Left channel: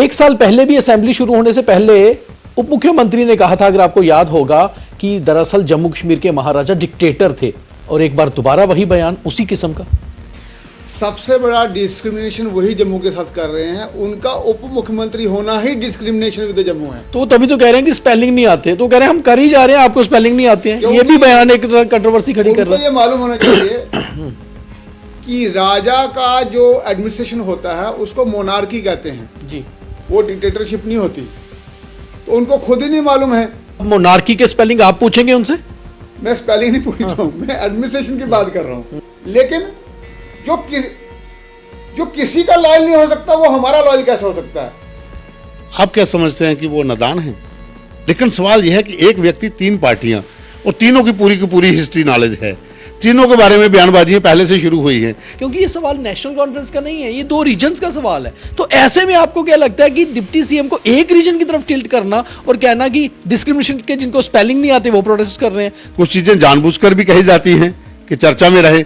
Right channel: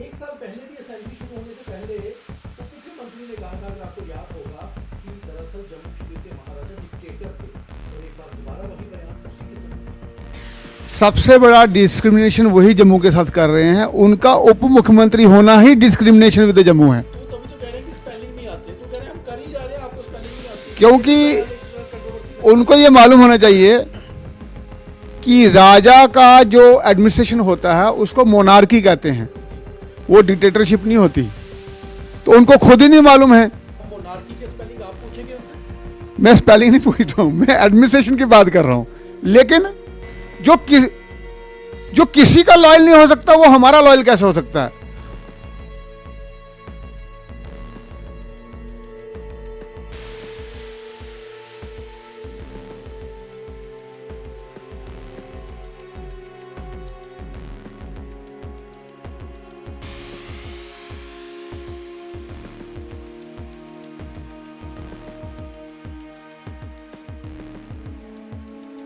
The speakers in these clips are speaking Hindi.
एक साल पहले भी असेंबली शुरू होने से पहले उप मुख्यमंत्री ने कहा था, अगर आपको याद होगा, कि दरअसल जम्मू कश्मीर के महाराजा डिक्टेटर थे, और एक बार दोबारा वही बयान उसी किस्म का। सबसे बड़ा डिस्क्रिमिनेशन वही जम्मू के साथ कर रहे हैं, उनका उप मुख्यमंत्री होना ही डिस्क्रिमिनेशन विद जम्मू है। तो तभी तो कह रहे हैं कि स्पेलिंग नहीं आते, तो कह रहे हैं हम कर ही जा रहे हैं, आपको स्पेलिंग नहीं आती है। ये भी बयान एक कंट्रोवर्सी खड़ी कर रहा है। उनको ये मालूम होना चाहिए कि राजा का जो एडमिनिस्ट्रेशन होता है उसको मोनार्की कहते हैं जी, वो डिक्टेटरशिप नहीं होती। तो उनको खुद ही नहीं मालूम है। मोनार्की के स्पेलिंग आप पूछेंगे उनसे? मैं स्पेलिंग नहीं पूछ रहा हूं, मैं एडमिनिस्ट्रेशन की बात कर रहा हूं। लेकिन जो किसी का लॉयल नहीं हो सकता, वो हमारा लॉयल कैसे हो सकता है? आप क्या समझते हैं कि वो नादान है? लेकिन सवाल यह है कि एक व्यक्ति, तीन पार्टियां, और तीनों की पूरी हिस्ट्री नॉलेज है, तीनों के बारे में बयानबाजियां पहले से शुरू हुई है। क्योंकि ये सवाल नेशनल कॉन्फ्रेंस का नहीं है, ये दो रीजन्स का सवाल है। तो ऐसे में आपको क्या लगता है कि डिप्टी सीएम को एक रीजन की तरफ टिल्ट करना और कहना कि डिस्क्रिमिनेशन के जिनको स्पेलिंग नहीं आते वो प्रोटेस्ट कर रहे हैं? कुछ चीजें जानबूझकर भी कही जाती हैं कि चर्चा में रहे,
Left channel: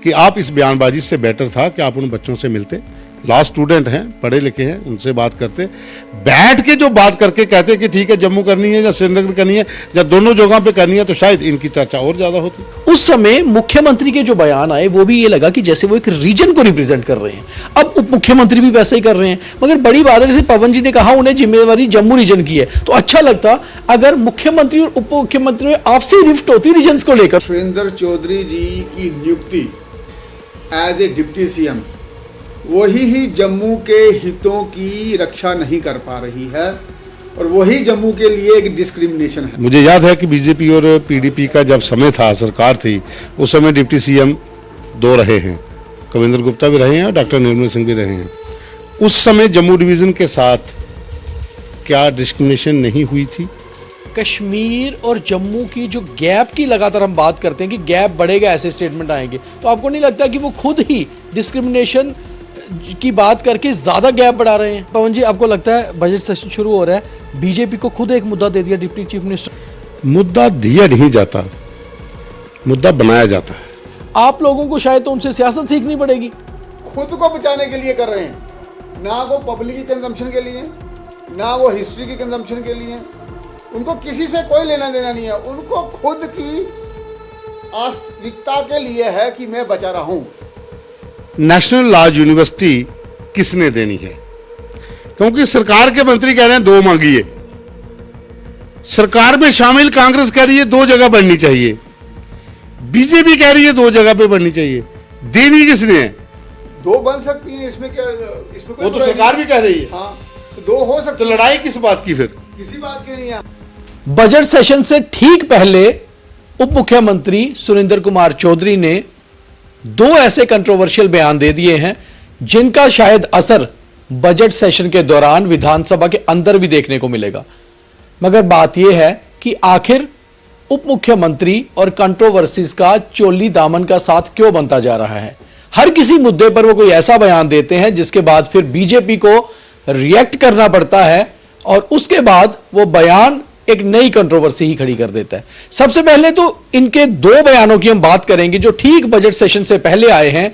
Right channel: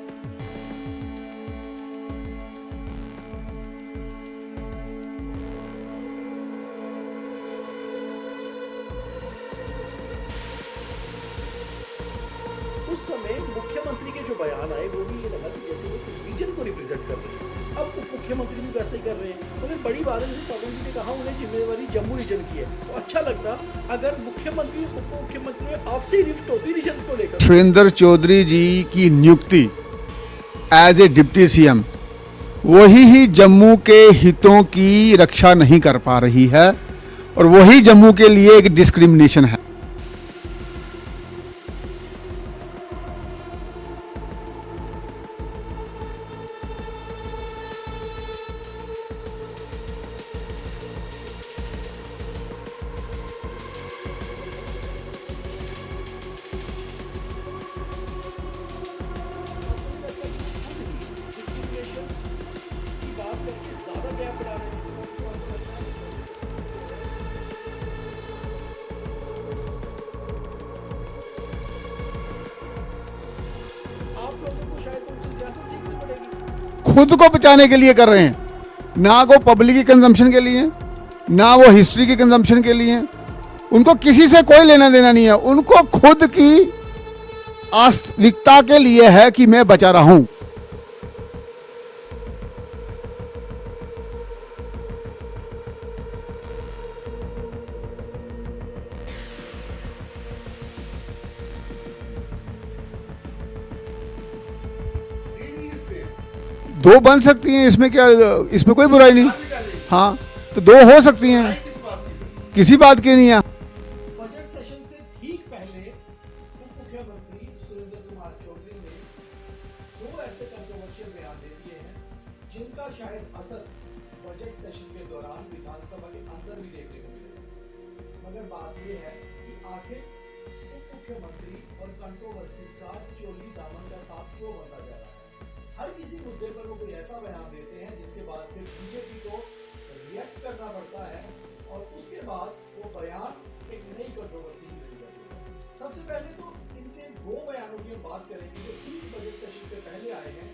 कि आप इस बयानबाजी से बेटर था कि आप उन बच्चों से मिलते, लॉ स्टूडेंट हैं, पढ़े लिखे हैं, उनसे बात करते, बैठ के जो बात करके कहते कि ठीक है जम्मू करनी है या श्रीनगर करनी है या दोनों जगह पे करनी है, तो शायद इनकी चर्चा और ज्यादा होती। उस समय मुख्यमंत्री के जो बयान आए वो भी ये लगा कि जैसे वो एक रीजन को रिप्रेजेंट कर रहे हैं। अब उप मुख्यमंत्री भी वैसे ही कर रहे हैं, मगर बड़ी बात है, जैसे पवन जी ने कहा उन्हें जिम्मेवारी जम्मू रीजन की है, तो अच्छा लगता अगर मुख्यमंत्री और उप मुख्यमंत्री में आपसी रिफ्ट होती रीजन को लेकर। सुरेंद्र चौधरी जी की नियुक्ति एज ए डिप्टी सीएम वही ही जम्मू के हितों की रक्षा नहीं कर पा रही है, और वही जम्मू के लिए एक डिस्क्रिमिनेशन है। मुझे याद है कि बीजेपी और पीडीपी का जब समय था, सरकार थी, उस समय डिप्टी सीएम दो रहे हैं, कविंद्र गुप्ता भी रहे हैं और डॉक्टर निर्मल सिंह भी रहे हैं। उस समय जम्मू डिवीजन के साथ क्या डिस्क्रिमिनेशन नहीं हुई थी? कश्मीर और जम्मू की जो गैप की लगातार हम बात करते हैं कि गैप बढ़ेगा, ऐसे स्टेटमेंट आएंगे, तो आपको नहीं लगता कि वो खुद ही डिस्क्रिमिनेशन की बात करके ज्यादा गैप बढ़ा रहे हैं? पवन जी, आपको लगता है बजट सेशन शुरू हो रहा है, बीजेपी को खुद एक मुद्दा दे दिया डिप्टी चीफ मिनिस्टर? मुद्दा दिया नहीं जाता, मुद्दा बनाया जाता है। आप लोगों को शायद तो उनसे सियासत सीखनी पड़ेगी। खुद को बचाने के लिए कर रहे हैं, ना वो पब्लिक की कंजम्पशन के लिए, ना वो हिस्ट्री की कंजम्पशन के लिए। उनको किसी से कोई लेना देना नहीं है, उनको खुद की वास्तविकता के लिए है कि मैं बचा रहा हूं। नेशनल लॉ यूनिवर्सिटी किसने देनी है? क्योंकि सरकार के मंत्री कह रहे हैं दो मांगिए, सरकार में शामिल कांग्रेस कह रही है दो जगह बढ़नी चाहिए, बीजेपी कह रही है दो जगह पे बढ़नी चाहिए, देनी किसने है? दो बन सकती हैं, इसमें क्या, इसमें कोई बुराई नहीं। सरकार भी कह रही है। हाँ, तो दो हो सकती तो है। लड़ाई किस बात की? फिर किसी बात की नहीं है। बजट सेशन से ठीक पहले उप मुख्यमंत्री सुरेंद्र कुमार चौधरी ने दो ऐसे कंट्रोवर्शियल बयान दे दिए हैं जिनका शायद असर बजट सेशन के दौरान विधानसभा के अंदर भी देखने को मिलेगा। मगर बात यह है कि आखिर उप मुख्यमंत्री और कंट्रोवर्सीज का चोली दामन का साथ क्यों बनता जा रहा है? हर किसी मुद्दे पर वो कोई ऐसा बयान देते हैं जिसके बाद फिर बीजेपी को रिएक्ट करना पड़ता है, और उसके बाद वो बयान एक नई कंट्रोवर्सी ही खड़ी कर देता है। सबसे पहले तो इनके दो बयानों की हम बात करेंगे जो ठीक बजट सेशन से पहले आए हैं।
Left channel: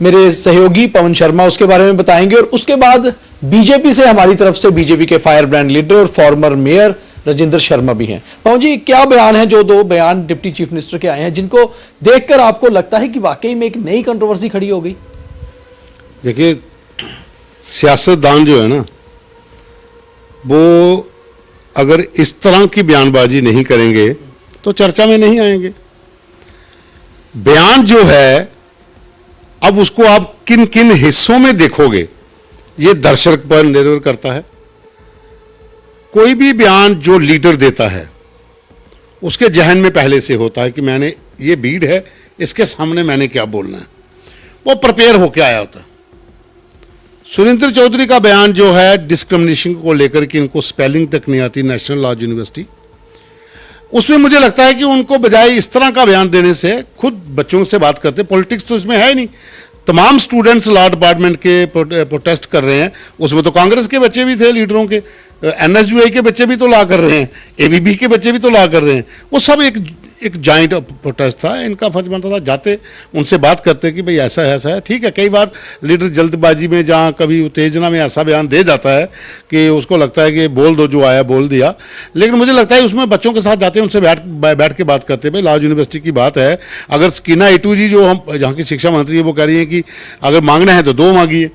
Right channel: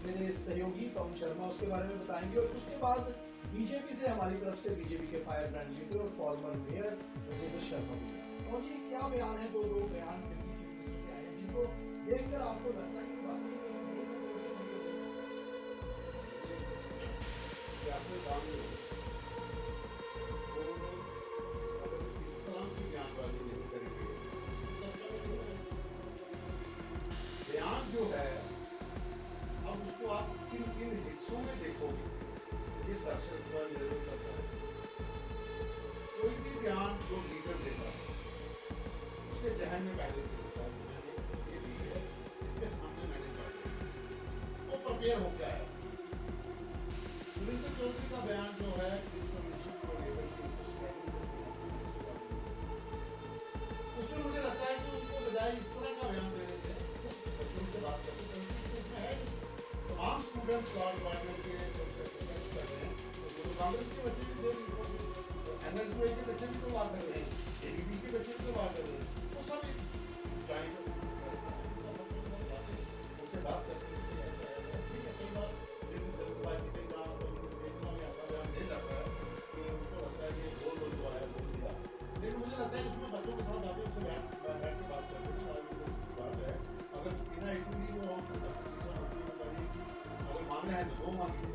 मेरे सहयोगी पवन शर्मा उसके बारे में बताएंगे, और उसके बाद बीजेपी से, हमारी तरफ से बीजेपी के फायर ब्रांड लीडर और फॉर्मर मेयर राजेंद्र शर्मा भी हैं। पवन जी, क्या बयान है, जो दो बयान डिप्टी चीफ मिनिस्टर के आए हैं जिनको देखकर आपको लगता है कि वाकई में एक नई कंट्रोवर्सी खड़ी हो गई? देखिए, सियासतदान जो है ना, वो अगर इस तरह की बयानबाजी नहीं करेंगे तो चर्चा में नहीं आएंगे। बयान जो है, अब उसको आप किन किन हिस्सों में देखोगे ये दर्शक पर निर्भर करता है। कोई भी बयान जो लीडर देता है उसके जहन में पहले से होता है कि मैंने ये भीड़ है, इसके सामने मैंने क्या बोलना है, वो प्रिपेयर होकर आया होता है। सुरेंद्र चौधरी का बयान जो है डिस्क्रिमिनेशन को लेकर कि इनको स्पेलिंग तक नहीं आती नेशनल लॉ यूनिवर्सिटी, उसमें मुझे लगता है कि उनको बजाय इस तरह का बयान देने से खुद बच्चों से बात करते, पॉलिटिक्स तो इसमें है ही नहीं, तमाम स्टूडेंट्स लॉ डिपार्टमेंट के प्रोटेस्ट कर रहे हैं, उसमें तो कांग्रेस के बच्चे भी थे लीडरों के, एनएसयूआई के बच्चे भी तो लॉ कर रहे हैं, एबीबी के बच्चे भी तो लॉ कर रहे हैं। वो सब एक जॉइंट प्रोटेस्ट था। इनका फर्ज बनता था जाते उनसे बात करते कि भाई ऐसा है। ठीक है, कई बार लीडर जल्दबाजी में जहाँ कभी उत्तेजना में ऐसा बयान दे जाता है कि उसको लगता है कि बोल दो, जो आया बोल दिया, लेकिन मुझे लगता है उसमें बच्चों के साथ जाते हैं, उनसे बैठ के बात करते हैं। भाई लॉ यूनिवर्सिटी की बात है, अगर स्कीना ईटू जी जो हम जहाँ की शिक्षा मंत्री है वो कह रही है कि अगर मांगना है तो 2 मांगिए,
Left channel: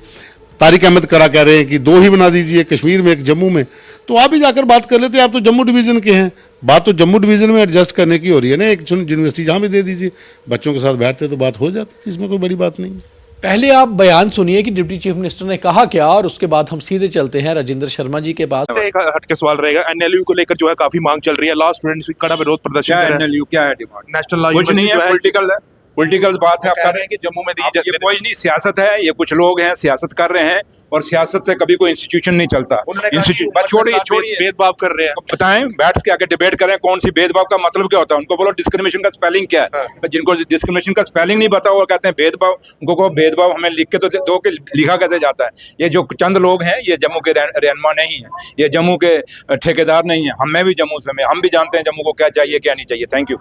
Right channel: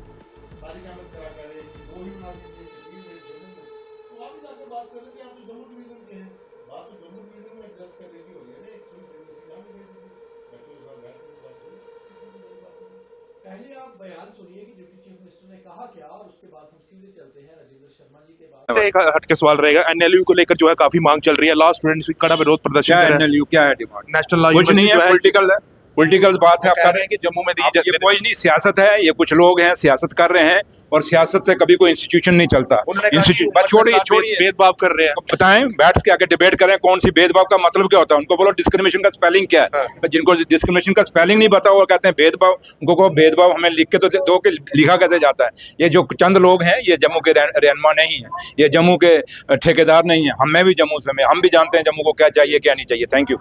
तारिक अहमद करा कह रहे हैं कि 2 ही बना दीजिए, कश्मीर में एक जम्मू में, तो आप भी जाकर बात कर लेते। आप तो जम्मू डिवीजन के हैं, बात तो जम्मू डिवीजन में एडजस्ट करने की हो रही है ना, एक यूनिवर्सिटी जहाँ भी दे दीजिए, बच्चों के साथ बैठते तो बात हो जाती, इसमें कोई बड़ी बात नहीं है। पहले आप बयान सुनिए कि डिप्टी चीफ मिनिस्टर ने कहा क्या, और उसके बाद हम सीधे चलते हैं राजेंद्र शर्मा जी के पास। से एक हटके सवाल रहेगा, एनएलयू को लेकर जो है काफी मांग चल रही है, लॉ स्टूडेंट्स भी कड़ा विरोध प्रदर्शन क्या कर रहे हैं। एनएलयू क्या है डिमांड? नेशनल लॉ कुछ नहीं है, पॉलिटिकल है, पॉलिटिकल बात है। आप कह कर रहे हैं कि जम्मू में दी ये जाती कोई नहीं, सियासत है, ये कुछ लोग हैं सियासत कर रहे हैं, और सियासत से कभी कोई इंस्टीट्यूशन नहीं चलता। बस छोड़िए भेदभाव कर रहे हैं। बताएं, बैठ के आके डिबेट करें कौन सी भेदभाव का मतलब क्या होता है। उनको बोलो डिस्क्रिमिनेशन का स्पेलिंग क्या है। जिनको डिस्क्रिमिनेशन का स्पेलिंग नहीं पता वो कहते हैं भेदभाव। उनको कहो भेदभाव हमें लिख के तो दो कि लिखा कैसे जाता है। ये जो चंद लोग हैं ये जम्मू के रहनुमा नहीं है, ये जम्मू के ठेकेदार नहीं है। हमें भी जम्मू से हम भी जानते हैं जम्मू को क्या चाहिए क्या नहीं चाहिए। Thank you.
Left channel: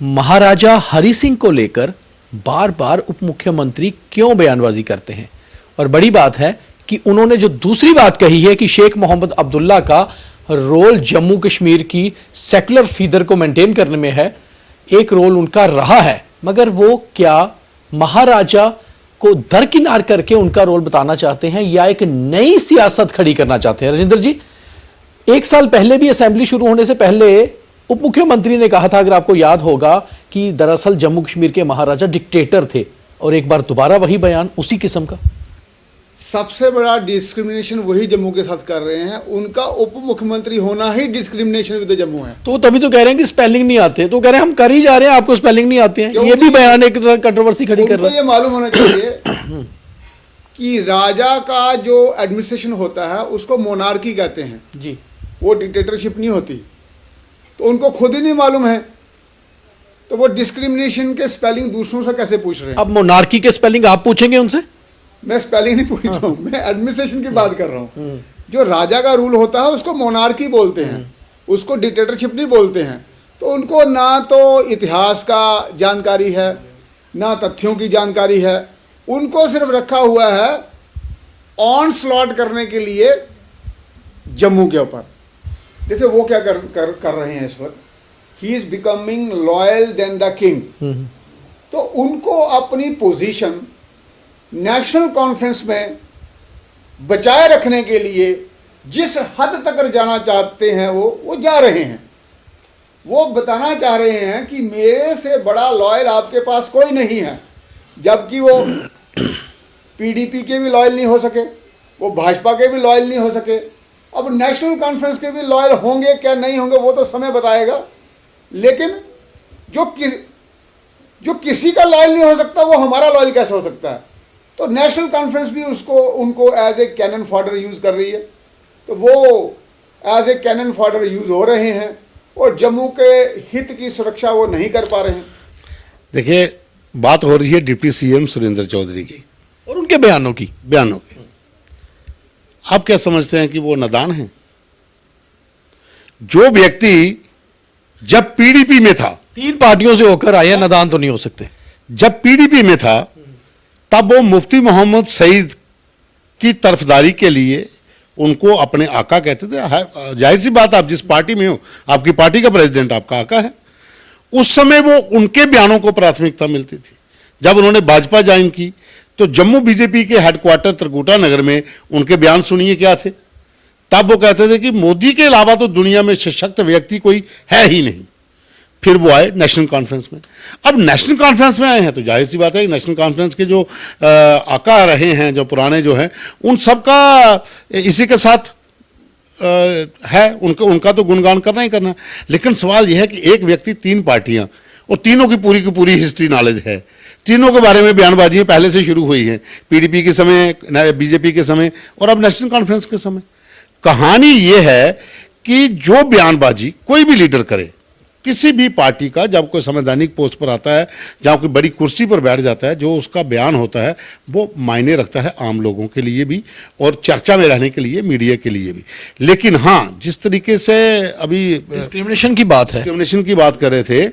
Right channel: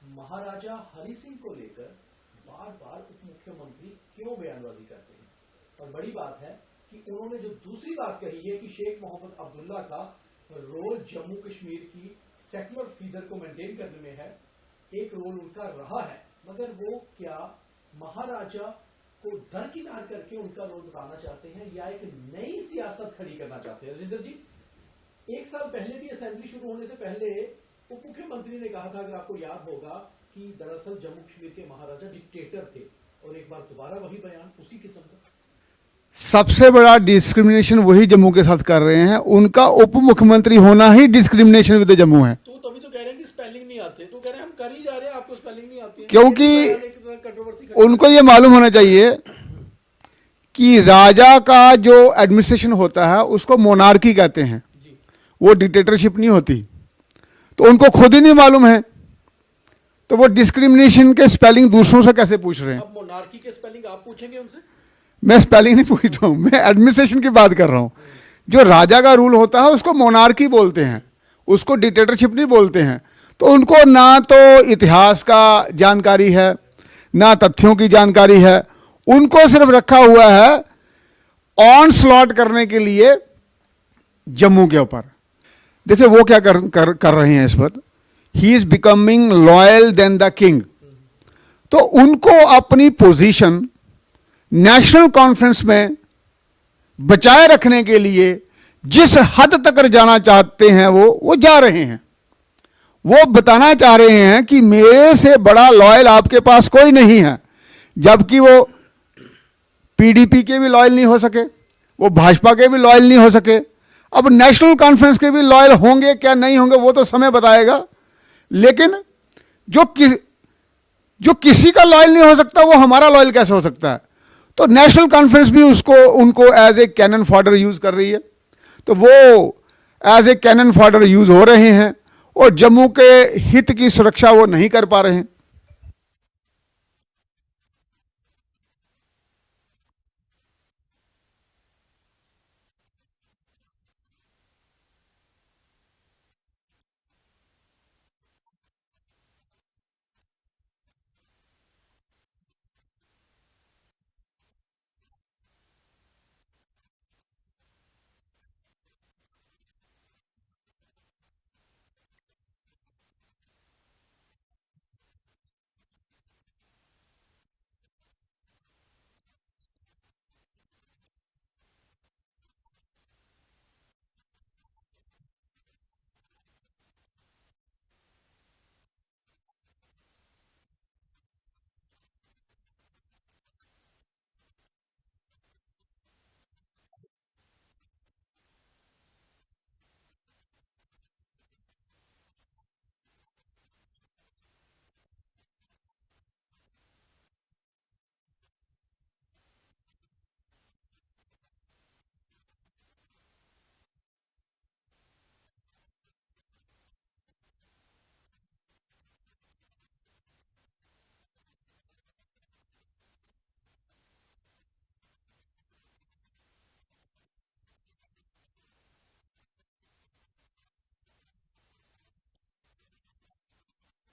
महाराजा हरि सिंह को लेकर बार बार उप मुख्यमंत्री क्यों बयानबाजी करते हैं, और बड़ी बात है कि उन्होंने जो दूसरी बात कही है कि शेख मोहम्मद अब्दुल्ला का रोल जम्मू कश्मीर की सेकुलर फीदर को मेंटेन करने में है, एक रोल उनका रहा है, मगर वो क्या महाराजा को दरकिनार करके उनका रोल बताना चाहते हैं या एक नई सियासत खड़ी करना चाहते हैं? राजेंद्र जी, 1 साल पहले भी असेंबली शुरू होने से पहले उप मुख्यमंत्री ने कहा था, अगर आपको याद होगा, कि दरअसल जम्मू कश्मीर के महाराजा डिक्टेटर थे, और एक बार दोबारा वही बयान उसी किस्म का। सबसे बड़ा डिस्क्रिमिनेशन वही जम्मू के साथ कर रहे हैं। उनका उप मुख्यमंत्री होना ही डिस्क्रिमिनेशन विद जम्मू है। तो तभी तो कह रहे हैं कि स्पेलिंग नहीं आते, तो कह रहे हैं हम कर ही जा रहे हैं, आपको स्पेलिंग नहीं आते हैं। क्योंकि ये भी बयान एक कंट्रोवर्सी खड़ी कर उनको रहे हैं। ये मालूम होना चाहिए कि राजा का जो एडमिनिस्ट्रेशन होता है उसको मोनार्की कहते हैं जी, वो डिक्टेटरशिप नहीं होती। तो उनको खुद ही नहीं मालूम है, तो वो डिस्क्रिमिनेशन के स्पेलिंग दूसरों से कैसे पूछ रहे हैं? अब मोनार्की के स्पेलिंग आप पूछेंगे उनसे? मैं स्पेलिंग नहीं पूछ रहा हूं, मैं एडमिनिस्ट्रेशन की बात कर रहा हूं। जो राजा का रूल होता है उसको मोनार्की बोलते हैं, उसको डिक्टेटरशिप नहीं बोलते हैं। तो उनको ना तो इतिहास का जानकारी है, ना तथ्यों की जानकारी है। उनको सिर्फ रखा हुआ है ऑन स्लॉट करने के लिए जम्मू के ऊपर। देखिए वो क्या कर रहे हैं इस वक्त, he is becoming loyal than the king. तो उनको अपनी पोजीशन नेशनल कॉन्फ्रेंस में बचाए रखने के लिए जिस हद तक जाना चाहते हैं वो जा रहे हैं। वो बताना चाह रहे हैं कि मेरे से बड़ा लॉयल आपके पास कोई नहीं है, जबकि वो पीडीपी के भी लॉयल नहीं हो सके, वो भाजपा के भी लॉयल नहीं हो सके। अब नेशनल कॉन्फ्रेंस के भी लॉयल होंगे क्या नहीं होंगे वो तो समय बताएगा, लेकिन जो किसी का लॉयल नहीं हो सकता वो हमारा लॉयल कैसे हो सकता है? तो नेशनल कॉन्फ्रेंस भी उनको as a cannon fodder use कर रही है। तो वो as a cannon fodder use हो रहे हैं और जम्मू के हित की सुरक्षा वो नहीं कर पा रहे हैं। देखिए, बात हो रही है डिप्टी सीएम सुरेंद्र चौधरी की और उनके बयानों की। आप क्या समझते हैं कि वो नादान हैं? जो व्यक्ति जब पीडीपी में था, 3 पार्टियों से होकर आए हैं, नादान तो नहीं हो सकते। जब पीडीपी में था तब वो मुफ्ती मोहम्मद सईद की तरफदारी के लिए उनको अपने आका कहते थे। जाहिर सी बात, आप जिस पार्टी में हो, आपकी पार्टी का प्रेसिडेंट आपका आका है। उस समय वो उनके बयानों को प्राथमिकता मिलती थी। जब उन्होंने भाजपा ज्वाइन की तो जम्मू बीजेपी के हेडक्वार्टर त्रिकुटा नगर में उनके बयान सुनिए क्या थे। तब वो कहते थे कि मोदी के अलावा तो दुनिया में सशक्त व्यक्ति कोई है ही नहीं। फिर वो आए नेशनल कॉन्फ्रेंस में। अब नेशनल कॉन्फ्रेंस में आए हैं तो जाहिर सी बात है कि नेशनल कॉन्फ्रेंस के जो आका रहे हैं, जो पुराने जो हैं, उन सब का इसी के साथ है, उनका तो गुणगान करना ही करना। लेकिन सवाल यह है कि एक व्यक्ति, 3 पार्टियां, और तीनों की पूरी हिस्ट्री नॉलेज है, तीनों के बारे में बयानबाजी पहले से शुरू हुई है, पीडीपी के समय, बीजेपी के समय और अब नेशनल कॉन्फ्रेंस के समय। कहानी यह है कि जो बयानबाजी कोई भी लीडर करे, किसी भी पार्टी का जब कोई संवैधानिक पोस्ट पर आता है, जहाँ कोई बड़ी कुर्सी पर बैठ जाता है, जो उसका बयान होता है वो मायने रखता है आम लोगों के लिए भी और चर्चा में रहने के लिए, मीडिया के लिए भी। लेकिन हाँ, जिस तरीके से अभी डिस्क्रिमिनेशन की बात है, डिस्क्रिमिनेशन की बात कर रहे थे,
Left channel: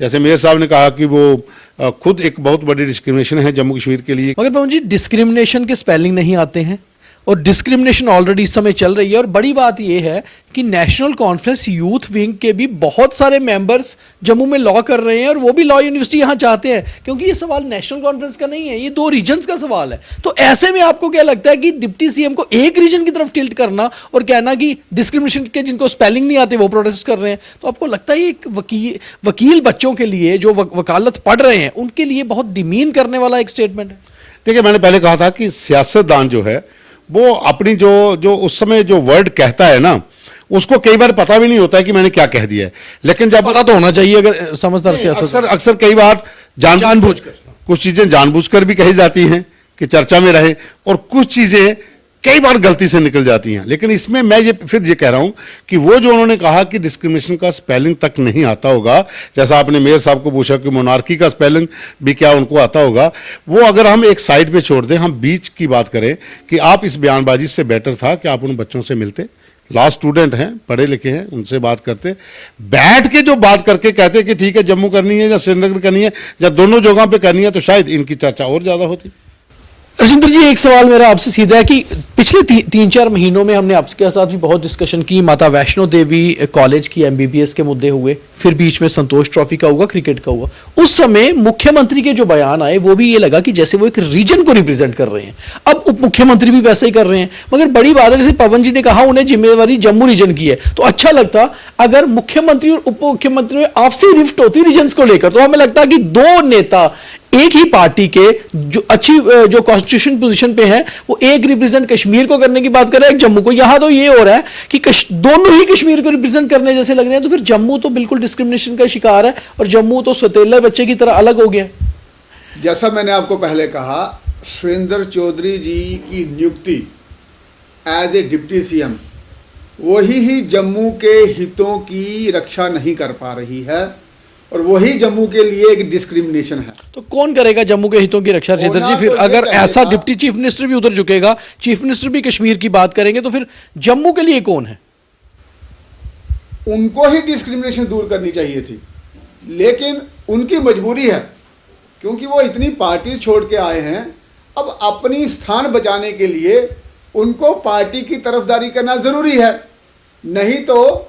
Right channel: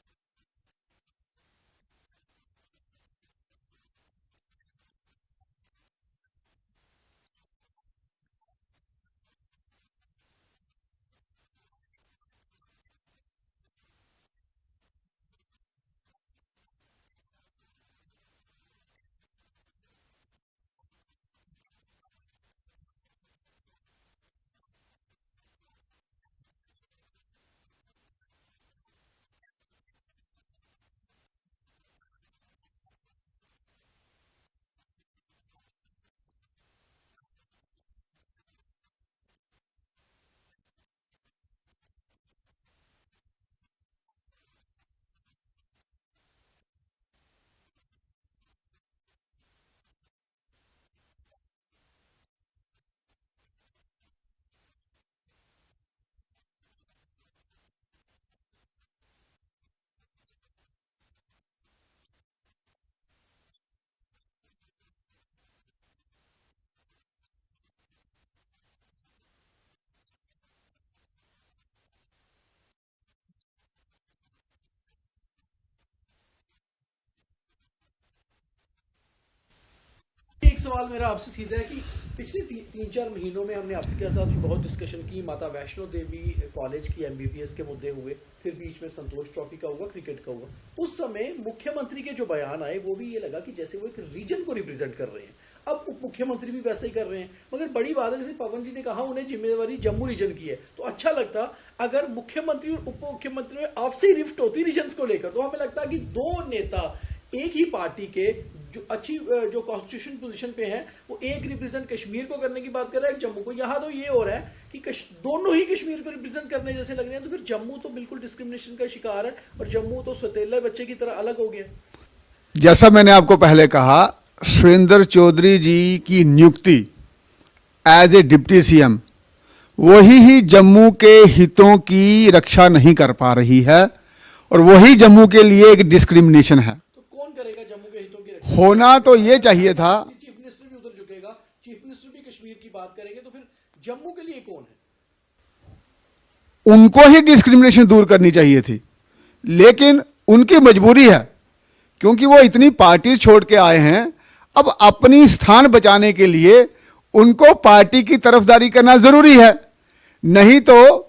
जैसे मेयर साहब ने कहा कि वो खुद एक बहुत बड़ी डिस्क्रिमिनेशन है जम्मू कश्मीर के लिए। मगर पवन जी, डिस्क्रिमिनेशन के स्पेलिंग नहीं आते हैं और डिस्क्रिमिनेशन ऑलरेडी इस समय चल रही है। और बड़ी बात यह है कि नेशनल कॉन्फ्रेंस यूथ विंग के भी बहुत सारे मेंबर्स जम्मू में लॉ कर रहे हैं और वो भी लॉ यूनिवर्सिटी यहां चाहते हैं, क्योंकि ये सवाल नेशनल कॉन्फ्रेंस का नहीं है, ये 2 रीजन्स का सवाल है। तो ऐसे में आपको क्या लगता है कि डिप्टी सीएम को एक रीजन की तरफ टिल्ट करना और कहना कि डिस्क्रिमिनेशन के जिनको स्पेलिंग नहीं आते वो प्रोटेस्ट कर रहे हैं, तो आपको लगता है एक वकील बच्चों के लिए जो वकालत पढ़ रहे हैं उनके लिए बहुत डिमीन करने वाला एक स्टेटमेंट है? देखिए, मैंने पहले कहा था कि सियासतदान जो है वो अपनी जो उस समय जो वर्ड कहता है ना, उसको कई बार पता भी नहीं होता है कि मैंने क्या कह दिया है। लेकिन जब पता तो होना चाहिए अगर समझदार सियासत। अक्सर कई बार जानबूझकर कुछ चीजें जानबूझकर भी कही जाती हैं कि चर्चा में रहे, और कुछ चीजें कई बार गलती से निकल जाती हैं। लेकिन इसमें मैं ये फिर ये कह रहा हूं कि वो जो उन्होंने कहा कि डिस्क्रिमिनेशन का स्पेलिंग तक नहीं आता होगा, जैसा आपने मेयर साहब को पूछा कि मोनार्की का स्पेलिंग भी क्या उनको आता होगा, वो अगर हम एक साइड पे छोड़ दें, हम बीच की बात करें कि आप इस बयानबाजी से बेटर था कि आप उन बच्चों से मिलते, लॉ स्टूडेंट हैं, पढ़े लिखे हैं, उनसे बात करते, बैठ के जो बात करके कहते कि ठीक है जम्मू करनी है या श्रीनगर करनी है या दोनों जगह पे करनी है, तो शायद इनकी चर्चा और ज्यादा होती। राजेंद्र जी, एक सवाल मेरा आपसे सीधा है कि पिछले 3-4 महीनों में हमने आपके साथ भी बहुत डिस्कशन की, माता वैष्णो देवी कॉलेज की एमबीबीएस के मुद्दे हुए, फिर बीच में संतोष ट्रॉफी का हुआ, क्रिकेट का हुआ। उस समय मुख्यमंत्री के जो बयान आए वो भी ये लगा कि जैसे वो एक रीजन को रिप्रेजेंट कर रहे हैं। अब उप मुख्यमंत्री भी वैसे ही कर रहे हैं, मगर बड़ी बात है जैसे पवन जी ने कहा उन्हें जिम्मेवारी जम्मू रीजन की है, तो अच्छा लगता अगर मुख्यमंत्री और उप मुख्यमंत्री में आपसी रिफ्ट होती रीजन को लेकर। तो हमें लगता है कि 2 नेता एक ही पार्टी के जो अच्छी जो कॉन्स्टिट्यूशन पोजीशन पे है वो एक रिप्रेजेंट कश्मीर को करने की बात कर रहे हैं, एक जम्मू को। यहां तो ये हो रहा है कि दोनों ही कश्मीर को रिप्रेजेंट करने जैसे लग रहे हैं, तो फिर जम्मू तो बिल्कुल डिस्क्रिमिनेशन का शिकार है और जम्मू तो सौतेला बच्चे की तरह अलग हो गया। जैसा मैंने आपको पहले कहा, सुरेंद्र चौधरी जी की नियुक्ति एज ए डिप्टी सीएम वही ही जम्मू के हितों की रक्षा नहीं कर पा रही है और वही जम्मू के लिए एक डिस्क्रिमिनेशन है। तो कौन करेगा जम्मू के हितों की रक्षा? फिर तो अगर ऐसा डिप्टी चीफ मिनिस्टर भी उधर झुकेगा, चीफ मिनिस्टर भी कश्मीर की बात करेंगे, तो फिर जम्मू के लिए कौन है? उनको ही डिस्क्रिमिनेशन दूर करनी चाहिए थी, लेकिन उनकी मजबूरी है क्योंकि वो इतनी पार्टी छोड़ के आए हैं। अब अपनी स्थान बचाने के लिए उनको पार्टी की तरफदारी करना जरूरी है, नहीं तो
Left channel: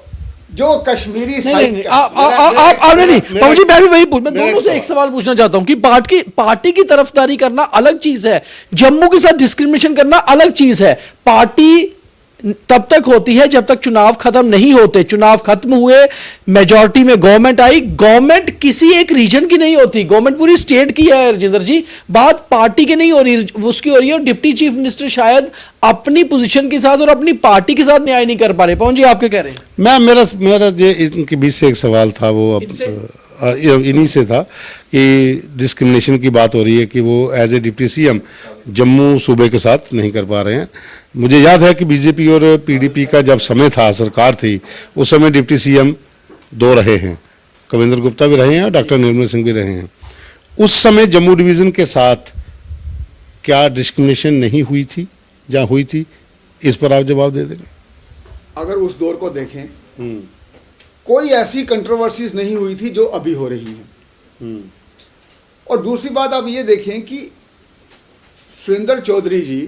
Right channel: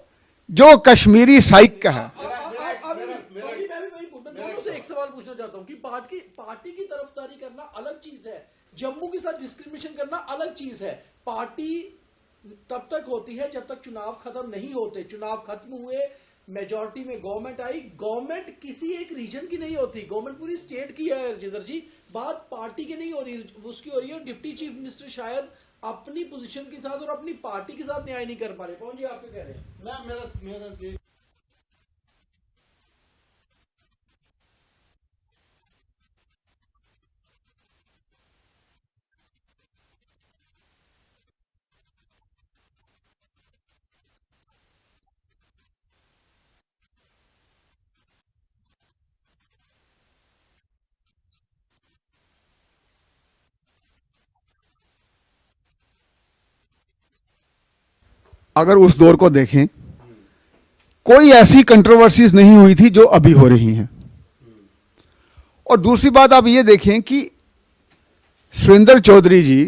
जो कश्मीरी साइड का आपने नहीं पवन जी, मैं भी वही मैं दोनों से एक सवाल पूछना चाहता हूं कि पार्टी की तरफदारी करना अलग चीज है, जम्मू के साथ डिस्क्रिमिनेशन करना अलग चीज है। पार्टी तब तक होती है जब तक चुनाव खत्म नहीं होते। चुनाव खत्म हुए, मेजॉरिटी में गवर्नमेंट आई, गवर्नमेंट किसी एक रीजन की नहीं होती, गवर्नमेंट पूरी स्टेट की है। राजेंद्र जी, बात पार्टी की नहीं हो रही, उसकी हो रही है। और डिप्टी चीफ मिनिस्टर शायद अपनी पोजीशन के साथ और अपनी पार्टी के साथ न्याय नहीं कर पा रहे। पवन जी, आप क्या कह रहे हैं? मेरा ये इनके बीच से एक सवाल था, वो इन्हीं से था कि डिस्क्रिमिनेशन की बात हो रही है कि वो as a deputy CM Jammu सूबे के साथ नहीं कर पा रहे हैं। मुझे याद है कि बीजेपी और पीडीपी का जब समय था, सरकार थी, उस समय डिप्टी सीएम 2 रहे हैं, कविंद्र गुप्ता भी रहे हैं और डॉक्टर निर्मल सिंह भी रहे हैं। उस समय जम्मू डिवीजन के साथ क्या डिस्क्रिमिनेशन नहीं हुई थी? जहाँ हुई थी, इस पर आप जवाब दे देंगे? अगर उस दौर को देखें, कोई ऐसी कंट्रोवर्सीज नहीं हुई थी जो अभी हो रही हैं। और दूसरी बात आप ये देखें कि Surendra Chaudhary ji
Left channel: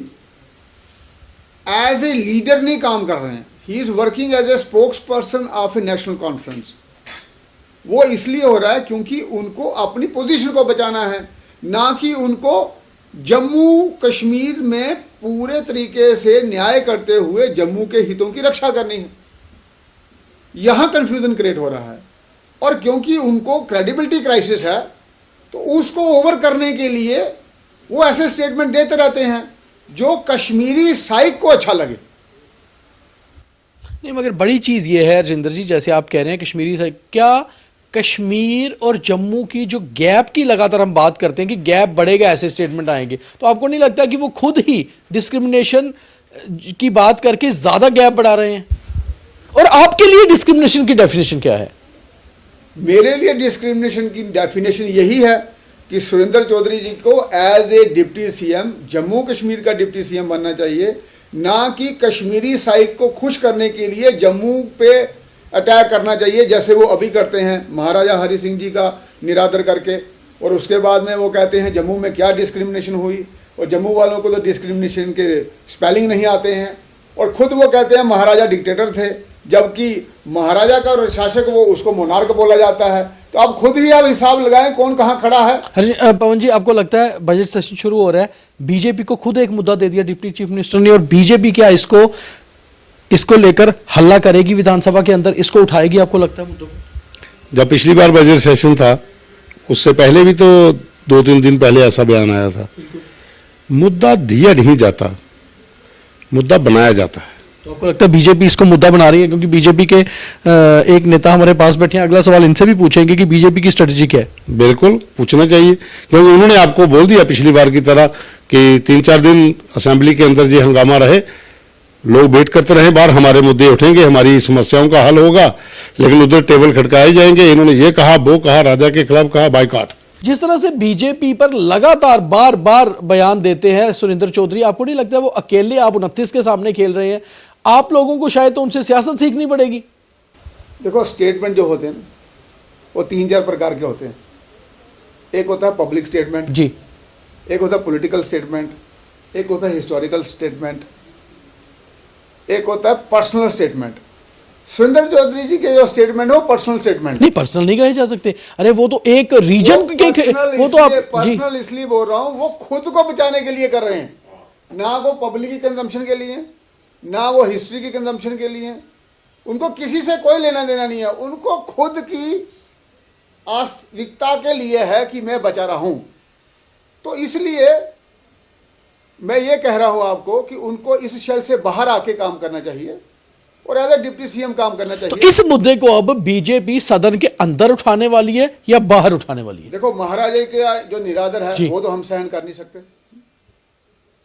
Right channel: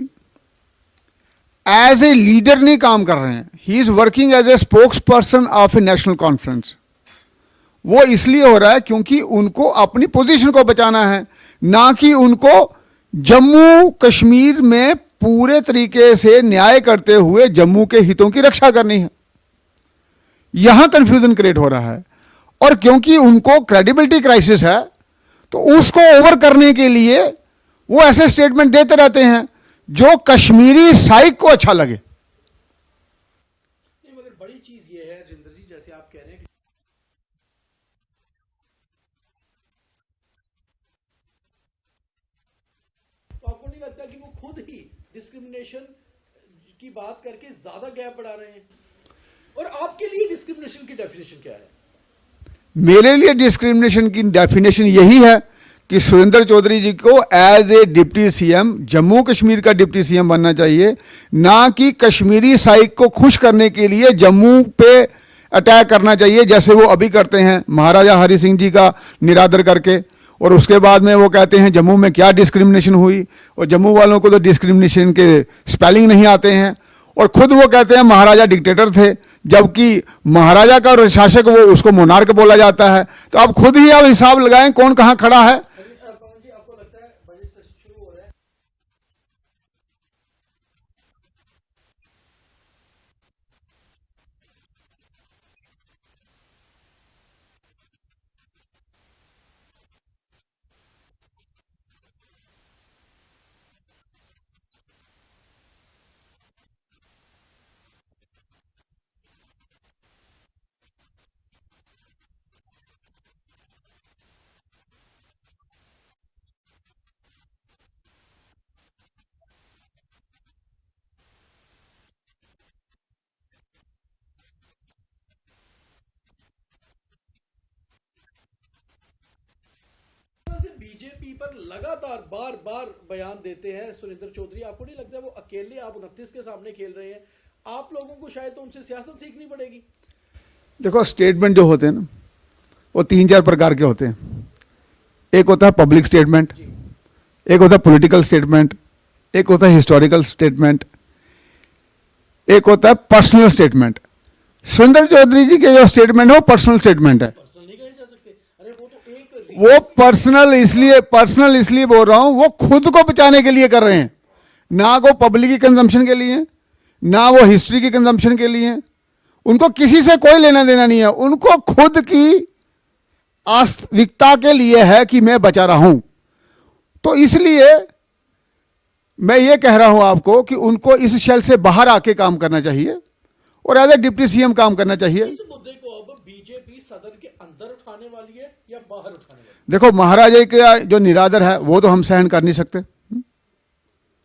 as a leader नहीं काम कर रहे हैं, he is working as a spokesperson of a National Conference. वो इसलिए हो रहा है क्योंकि उनको अपनी पोजीशन को बचाना है, ना कि उनको जम्मू कश्मीर में पूरे तरीके से न्याय करते हुए जम्मू के हितों की रक्षा करनी है। यहां कंफ्यूजन क्रिएट हो रहा है और क्योंकि उनको क्रेडिबिलिटी क्राइसिस है तो उसको ओवर करने के लिए वो ऐसे स्टेटमेंट देते रहते हैं जो कश्मीरी साइक को अच्छा लगे। नहीं, मगर बड़ी चीज ये है राजेंद्र जी, जैसे आप कह रहे हैं कश्मीरी साइक, क्या कश्मीर और जम्मू की जो गैप की लगातार हम बात करते हैं कि गैप बढ़ेगा, ऐसे स्टेटमेंट आएंगे, तो आपको नहीं लगता कि वो खुद ही डिस्क्रिमिनेशन की बात करके ज्यादा गैप बढ़ा रहे हैं? और आपके लिए डिस्क्रिमिनेशन की डेफिनेशन क्या है? मेरे लिए डिस्क्रिमिनेशन की डेफिनेशन यही है कि सुरेंद्र चौधरी जी को as a deputy CM Jammu Kashmir का डिप्टी सीएम बनना चाहिए, ना कि कश्मीरी साइक को खुश करने के लिए जम्मू पे अटैक करना चाहिए, जैसे वो अभी करते हैं महाराजा हरि सिंह जी का निरादर करके। और उसके बाद में वो कहते हैं जम्मू में क्या डिस्क्रिमिनेशन हुई, और जम्मू वालों को तो डिस्क्रिमिनेशन के स्पेलिंग नहीं आते हैं, और खुद वो कहते हैं महाराजा डिक्टेटर थे, जबकि महाराजा का शासक वो उसको मोनार्क बोला जाता है। तो आप खुद ही आप हिसाब लगाएं कौन कहाँ खड़ा है। पवन जी, आपको लगता है बजट सेशन शुरू हो रहा है, बीजेपी को खुद एक मुद्दा दे दिया डिप्टी चीफ मिनिस्टर ने, और बीजेपी क्या इसको लेकर हल्ला करेगी विधानसभा के अंदर, इसको उठाएगी, आपको लगता है मुद्दों को? जब पिछली बार बजट सेशन था उससे पहले भी तो 2-3 दिन पहले ऐसा बयान आया था। मुद्दा दिया नहीं जाता, मुद्दा बनाया जाता है। तो आपको लगता है बीजेपी इसको मुद्दा बना रही है? क्योंकि बीजेपी के एक नेता हमारे पास बैठे हैं, अगला सवाल इनसे भी पूछेंगे कि बीजेपी की स्ट्रेटजी क्या है। बिल्कुल पूछना चाहिए, क्योंकि उन्होंने आपको बोल दिया पिछली बार की तरह कि 3-4 दिन असेंबली के अंदर ये हंगामा रहे, लोग वेट करते रहे, बाहर हमारे मुद्दे उठेंगे, हमारी समस्याओं का हल होगा, लेकिन उधर टेबल खटकाए जाएंगे। इन्होंने ये कहा, वो कहा, राजा के खिलाफ कहा, बाइकआउट। जिस तरह से बीजेपी पर लगातार बार बार बयान देते हैं सुरेंद्र चौधरी, आपको नहीं लगता है वो अकेले आप 29 के सामने खेल रहे हैं? आप लोगों को शायद तो उनसे सियासत सीखनी पड़ेगी। देखो, स्टेटमेंट जो होते हैं ना, वो 3-4 प्रकार के होते हैं। एक होता है पब्लिक स्टेटमेंट जी, एक होता है पॉलिटिकल स्टेटमेंट, एक होता है हिस्टोरिकल स्टेटमेंट, एक होता है पर्सनल स्टेटमेंट। सुरेंद्र चौधरी जी के जो स्टेटमेंट है वो पर्सनल स्टेटमेंट है। नहीं, पर्सनल नहीं कहे जा सकते। अरे वो तो एक रीजन पर्सनल इसलिए बोल रहा हूं, वो खुद को बचाने के लिए कर रहे हैं, ना वो पब्लिक की कंजम्पशन के लिए, ना वो हिस्ट्री की कंजम्पशन के लिए। उनको किसी से कोई लेना देना नहीं है, उनको खुद की वास्तविकता के लिए है कि मैं बचा रहा हूं। तो इसलिए मैं ये कह रहा हूं आपको कि उनको इस शेल से बाहर आके काम करना चाहिए और एज ए डिप्टी सीएम काम करना चाहिए। तो इस मुद्दे को अब बीजेपी सदन के अंदर उठाने वाली है या बाहर उठाने वाली है? देखो, महाराजा का जो निरादर है वो तो हम सहन कर नहीं सकते,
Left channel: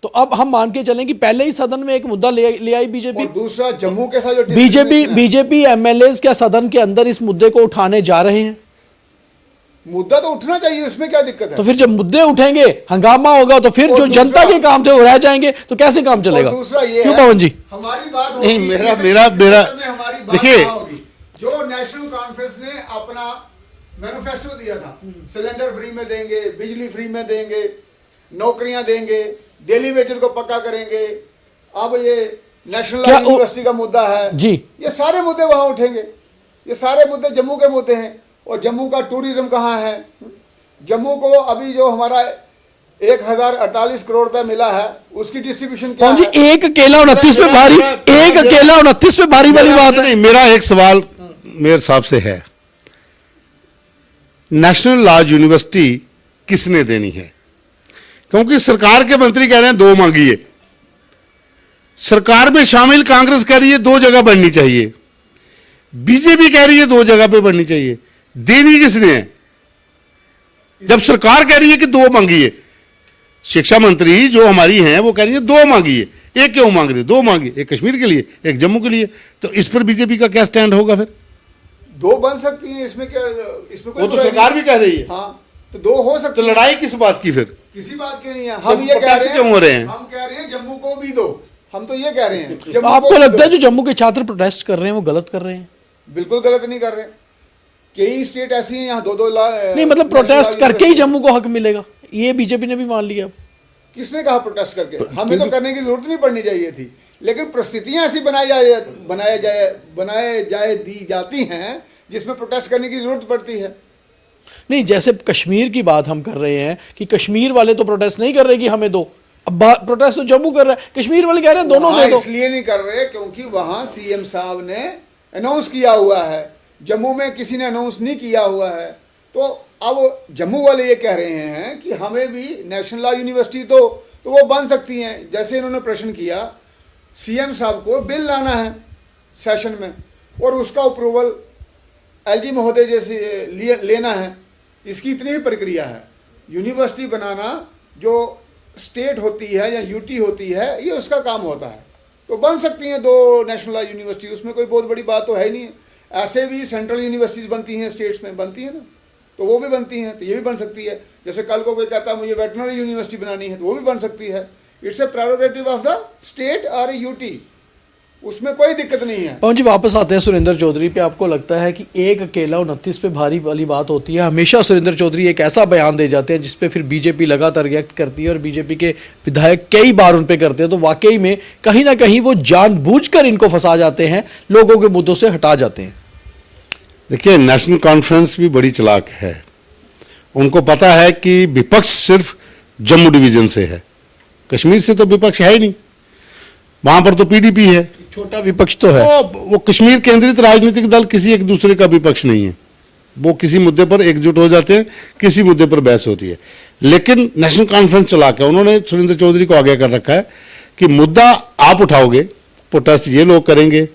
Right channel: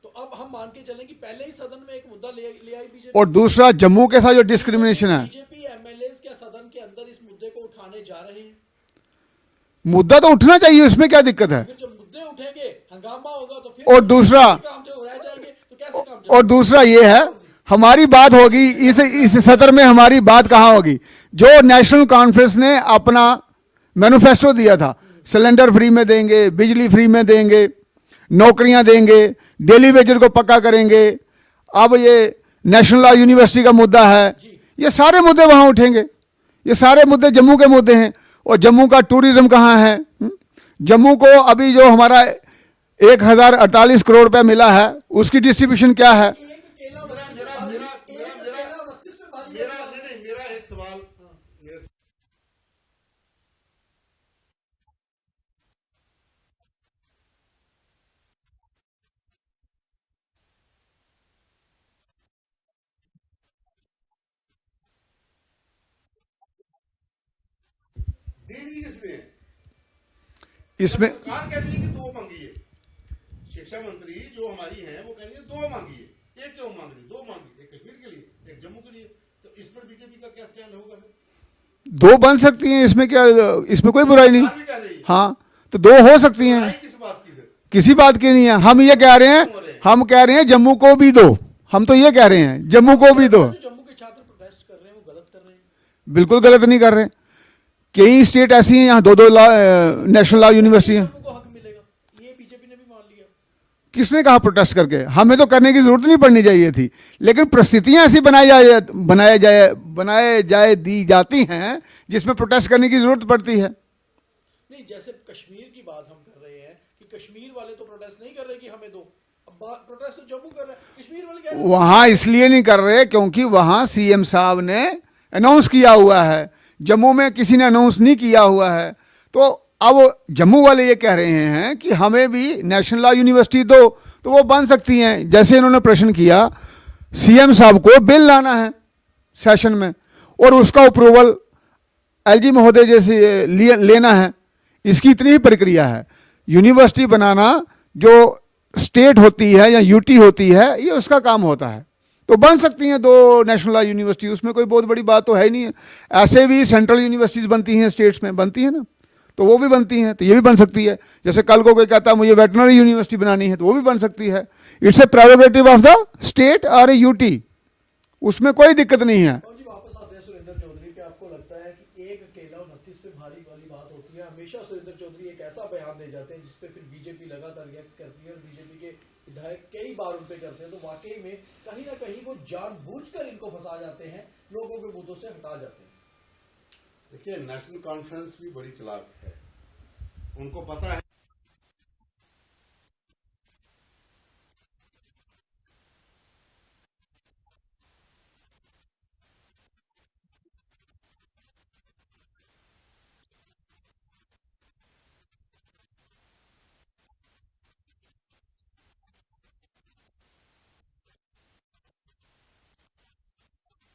तो अब हम मान के चलें कि पहले ही सदन में एक मुद्दा ले आई बीजेपी। और दूसरा, जम्मू के साथ जो डिस्क्रिमिनेशन है, बीजेपी एमएलए क्या सदन के अंदर इस मुद्दे को उठाने जा रहे हैं? मुद्दा तो उठना चाहिए, उसमें क्या दिक्कत है? तो फिर जब मुद्दे उठेंगे, हंगामा होगा, तो फिर जो जनता के काम थे वो रह जाएंगे, तो कैसे काम चलेगा? और दूसरा ये है जी, हमारी बात होगी इस सदन में, हमारी बात कहां होगी? जो नेशनल कॉन्फ्रेंस ने अपना मैनिफेस्टो दिया था, सिलेंडर फ्री में देंगे, बिजली फ्री में देंगे, नौकरियां देंगे, डेली वेजर को पक्का करेंगे, अब ये नेशनल लॉ यूनिवर्सिटी का मुद्दा है जी, ये सारे मुद्दे वहां उठेंगे। ये सारे मुद्दे जम्मू के मुद्दे हैं। और जम्मू का टूरिज्म कहाँ है? जम्मू को अभी जो हमारा 1048 करोड़ रुपया मिला है, उसकी डिस्ट्रीब्यूशन क्या है? एक अकेला 29 पे भारी, एक अकेला 29 पे भारी वाली बात है। मेरा एक सवाल मेरे हिसाब से है, नेशनल लॉ यूनिवर्सिटी किसने देनी है? क्योंकि सरकार के मंत्री कह रहे हैं 2 मांगिए, सरकार में शामिल कांग्रेस कह रही है 2 जगह बननी चाहिए, बीजेपी कह रही है 2 जगह पे बननी चाहिए। देनी किसने है? जब सरकार कह रही है कि 2 मांगिए, शिक्षा मंत्री जो हमारी हैं वो कह रही है 2 मांगिए, एक क्यों मांग रहे? 2 मांगिए, एक कश्मीर के लिए, एक जम्मू के लिए। तो इस पर बीजेपी का क्या स्टैंड होगा? फिर 2 बन सकती हैं, इसमें क्या, इसमें कोई बुराई नहीं। सरकार भी कह रही है हाँ, तो 2 हो सकती है। लड़ाई किस बात की? फिर किसी बात की नहीं है। हम ये कह रहे हैं, हम कह रहे हैं जम्मू को भी दो। हम तो ये कह रहे हैं जम्मू को भी लगता दो। है जो जम्मू के छात्र प्रोटेस्ट कर रहे हैं वो गलत कर रहे हैं? बिल्कुल गलत नहीं कर रहे। कई स्टेट ऐसी हैं यहाँ 2-2 मतलब प्रोटेस्ट करके ही जम्मू को हक मिलेगा, ये बीजेपी ने भी मान लिया। किसने कहा प्रोटेस्ट करके? हमें तो करने की जरूरत नहीं पड़नी चाहिए थी, लेकिन परिस्थितियां ऐसी बनाए जाए दी जाती हैं जिसमें प्रोटेस्ट करने की जरूरत पड़ती है। नहीं, जैसे कश्मीर की बात हम कर रहे हैं कि कश्मीर वाले तो प्रोटेस्ट नहीं कर रहे कि हमें दो, अब प्रोटेस्ट तो जम्मू कर रहा है, कश्मीर वाले कह रहे हैं दोनों। वहां इसलिए नहीं कर रहे क्योंकि वहां सीएम साहब ने अनाउंस किया हुआ है, जम्मू में किसी ने अनाउंस नहीं किया हुआ है। तो अब जम्मू वाले ये कह रहे हैं कि हमें भी नेशनल लॉ यूनिवर्सिटी दो, तो वो बन सकती हैं। जैसे इन्होंने प्रश्न किया, सीएम साहब को बिल लाना है सेशन में और उसका अप्रूवल एलजी महोदय जैसे लेना है, इसकी इतनी ही प्रक्रिया है। यूनिवर्सिटी बनाना जो स्टेट होती है या यूटी होती है, ये उसका काम होता है। तो बन सकती हैं 2 नेशनल यूनिवर्सिटी, उसमें कोई बहुत बड़ी बात तो है ही नहीं है। ऐसे भी सेंट्रल यूनिवर्सिटीज़ बनती हैं, स्टेट्स में बनती हैं ना, तो वो भी बनती हैं, तो ये भी बन सकती है। जैसे कल को कोई कहता है मुझे वेटनरी यूनिवर्सिटी बनानी है, तो वो भी बन सकती है। It's a prerogative of the state और ए यूटी, उसमें कोई दिक्कत नहीं है। पवन जी वापस आते हैं सुरेंद्र चौधरी पे। आपको लगता है कि एक अकेला 29 पे भारी वाली बात होती है? हमेशा सुरेंद्र चौधरी एक ऐसा बयान दे जाते हैं जिसपे फिर बीजेपी लगातार रिएक्ट करती है और बीजेपी के विधायक कई बार उन पे करते हैं, तो वाकई में कहीं ना कहीं वो जानबूझकर इनको फंसा जाते हैं, लोगों के मुद्दों से हटा जाते हैं। देखिए, नेशनल कॉन्फ्रेंस भी बड़ी चालाक है। उनको पता है कि विपक्ष सिर्फ जम्मू डिवीजन से है, कश्मीर से तो विपक्ष है ही नहीं, वहां पर तो पीडीपी है, छोटा विपक्ष तो है। वो कश्मीर केंद्रित राजनीतिक दल किसी एक दूसरे का विपक्ष नहीं है। वो किसी मुद्दे पर एकजुट हो जाते हैं, किसी मुद्दे पर बहस होती है। लेकिन नेशनल कॉन्फ्रेंस चला के उन्होंने सुरेंद्र चौधरी को आगे कर रखा है कि मुद्दा आप उठाओगे, प्रोटेस्ट ये लोग करेंगे,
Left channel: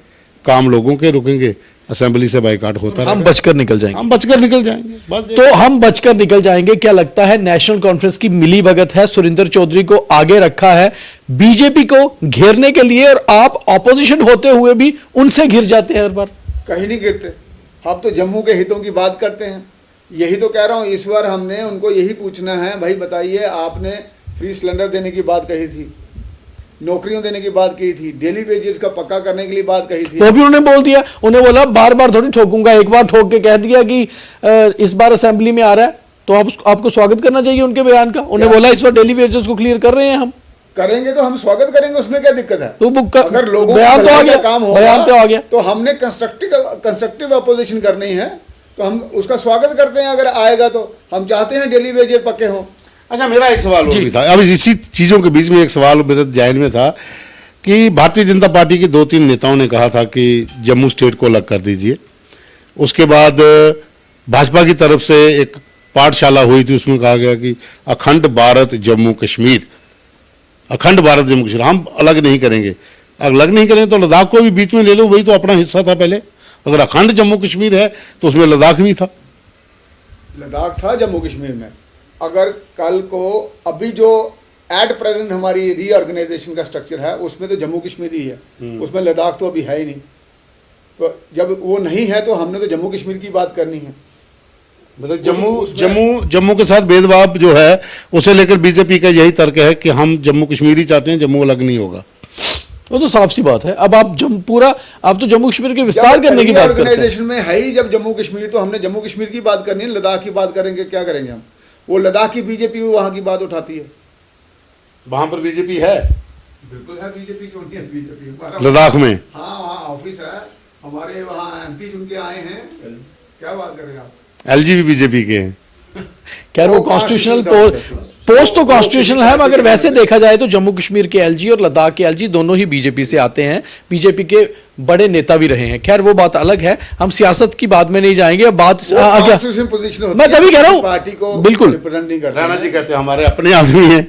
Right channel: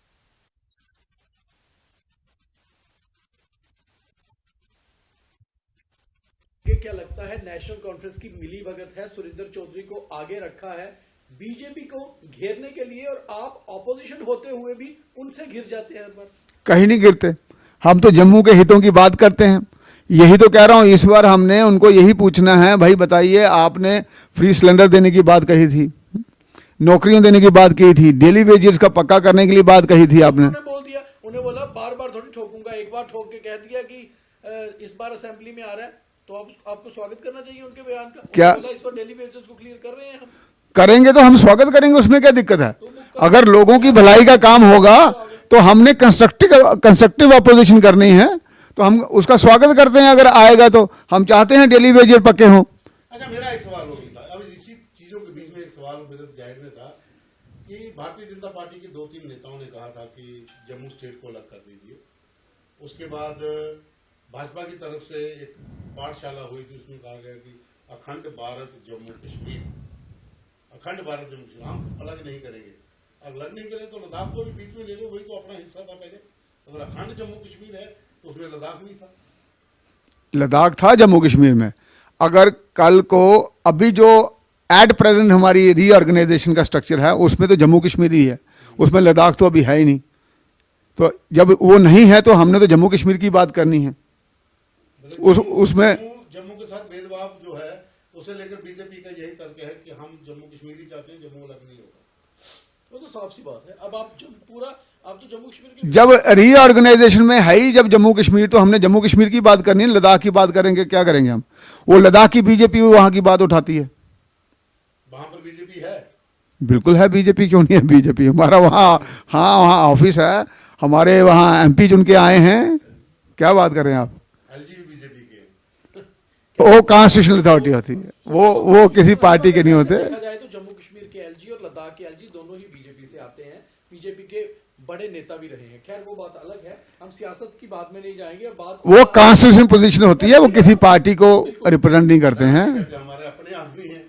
काम लोगों के रुकेंगे, असेंबली से बाइकाट होता हम रहेगा, बचकर निकल जाएंगे। हम बचकर निकल जाएंगे, बस। तो हम बचकर निकल जाएंगे, क्या लगता है नेशनल कॉन्फ्रेंस की मिली भगत है? सुरेंद्र चौधरी को आगे रखा है बीजेपी को घेरने के लिए, और आप ऑपोजिशन होते हुए भी उनसे घिर जाते हैं हर बार। कहीं नहीं गिरते, हम तो जम्मू के हितों की बात करते हैं। यही तो कह रहा हूं, इस बार हमने उनको यही पूछना है, भाई बताइए, आपने फ्री सिलेंडर देने की बात कही थी, नौकरियां देने की बात की थी, डेली वेजेस का पक्का करने के लिए बात कही थी, वो भी उन्होंने बोल दिया। उन्हें बोला बार बार थोड़ी ठोकूंगा, एक बार ठोक के कह दिया कि इस बार असेंबली में आ रहा है तो आपको स्वागत करना चाहिए उनके बयान का। उन्हें बोला इस बार डेली वेजेस को क्लियर कर रहे हैं हम। करेंगे तो हम स्वागत करेंगे, उसमें क्या दिक्कत है? तो अगर लोगों की बयान तो आ भलाई गया, का काम बयान तो आ होगा गया। तो हमने कंस्ट्रक्टिव अपोजिशन करनी है, तो हम उसका स्वागत करते हैं। अगर आएगा तो हम चाहते हैं डेली वेजेस पक्के हों। अच्छा, मेरा एक सवाल और भी था, अब इसी चीजों के बीच में एक सवाल मेरे ध्यान में था कि भारतीय जनता पार्टी के 2-3 नेताओं ने कहा था कि जम्मू स्टेट को अलग कर दीजिए। उसके बाद भाजपा की तरफ से एक पाठशाला हुई थी, उसमें कहा गया कि अखंड भारत जम्मू कश्मीर, अखंड भारत जम्मू कश्मीर, हम अलग नहीं करेंगे। अलग नहीं करेंगे तो लद्दाख को भी बीच में ले लो, वही तो अपना हिस्सा था पहले। अगर अखंड जम्मू कश्मीर है तो उसमें लद्दाख भी था। लद्दाख था जम्मू कश्मीर में। अगर कल को अभी जो एट प्रेजेंट हमारी रीऑर्गेनाइजेशन का स्ट्रक्चर है उसमें तो जम्मू कश्मीर ही है, उसमें लद्दाख तो अभी है ही नहीं। तो जब वो नहीं है तो हमने तो जम्मू कश्मीर की बात करनी है। मतलब जम्मू के साथ भेदभाव जो है उसे लेकर बीजेपी का यही तर्क है कि हम जम्मू कश्मीर ही चाहते हैं, जम्मू अलग नहीं होगा। वो तो साफ सी बात है। अब आप आप तो जम्मू कश्मीर के विस्तार करने की बात करते हैं। रीऑर्गेनाइजेशन में है ही जब जम्मू कश्मीर, तो हमने जम्मू कश्मीर की बात करनी है, लद्दाख की बात करेंगे क्या करेंगे हम? वो लद्दाख की बीजेपी वहां की बात उठाती है। वहां पर बीजेपी है, बिल्कुल है बीजेपी, क्यों नहीं है बीजेपी? हमारा लद्दाख वहाँ, में, हाँ वहाँ ऑफिस है हमारे, वहाँ एमपी चुन के आए हैं। क्या बात कर रहे हैं आप? एलजी भी बीजेपी के हैं। वो कॉन्स्टिट्यूशनल पोस्ट तो कॉन्स्टिट्यूशनल है, मगर वैसे देखा देखा जाए तो जम्मू कश्मीर के एलजी और लद्दाख के एलजी दोनों ही बीजेपी से आते हैं, बीजेपी के बड़े नेता भी रहे हैं। खैर वो बात अलग है, हम सियासत की बात में नहीं जाएंगे। बात कॉन्स्टिट्यूशनल पोजीशन होती है, वो किसी पार्टी को बिल्कुल रिप्रेजेंट नहीं करते हैं। कहते हैं हमारे अपने आदमी हैं।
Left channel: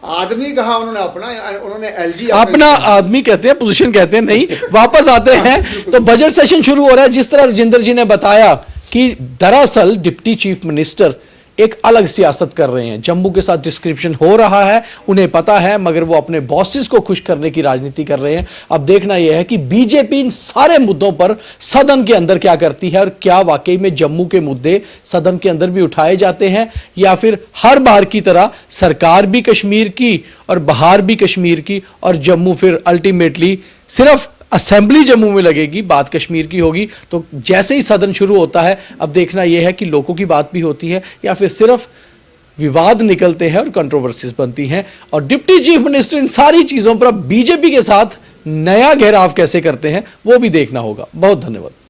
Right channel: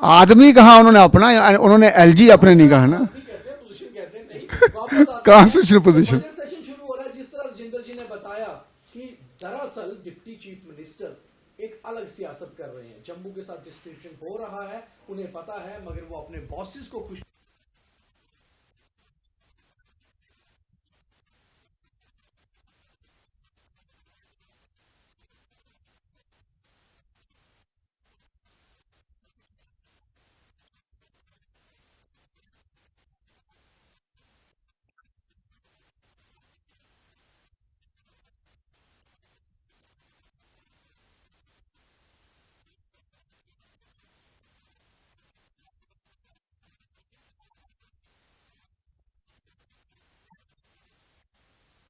आदमी कहाँ उन्होंने अपना, उन्होंने एलजी अपना आदमी कहते हैं, पोजीशन कहते हैं। नहीं, वापस आते हैं तो बजट सेशन शुरू हो रहा है। जिस तरह राजेंद्र जी ने बताया कि दरअसल डिप्टी चीफ मिनिस्टर एक अलग सियासत कर रहे हैं, जम्मू के साथ डिस्क्रिप्शन हो रहा है, उन्हें पता है, मगर वो अपने बॉसेस को खुश करने की राजनीति कर रहे हैं। अब देखना यह है कि बीजेपी इन सारे मुद्दों पर सदन के अंदर क्या करती है, और क्या वाकई में जम्मू के मुद्दे सदन के अंदर भी उठाए जाते हैं, या फिर हर बार की तरह सरकार भी कश्मीर की और बाहर भी कश्मीर की, और जम्मू फिर अल्टीमेटली सिर्फ असेंबली जम्मू में लगेगी, बात कश्मीर की होगी। तो जैसे ही सदन शुरू होता है, अब देखना यह है कि लोगों की बात भी होती है या फिर सिर्फ विवाद निकलते हैं और कंट्रोवर्सीज बनती हैं। और डिप्टी चीफ मिनिस्टर इन सारी चीजों पर अब बीजेपी के साथ नया घेराव कैसे करते हैं वो भी देखना होगा। बहुत धन्यवाद।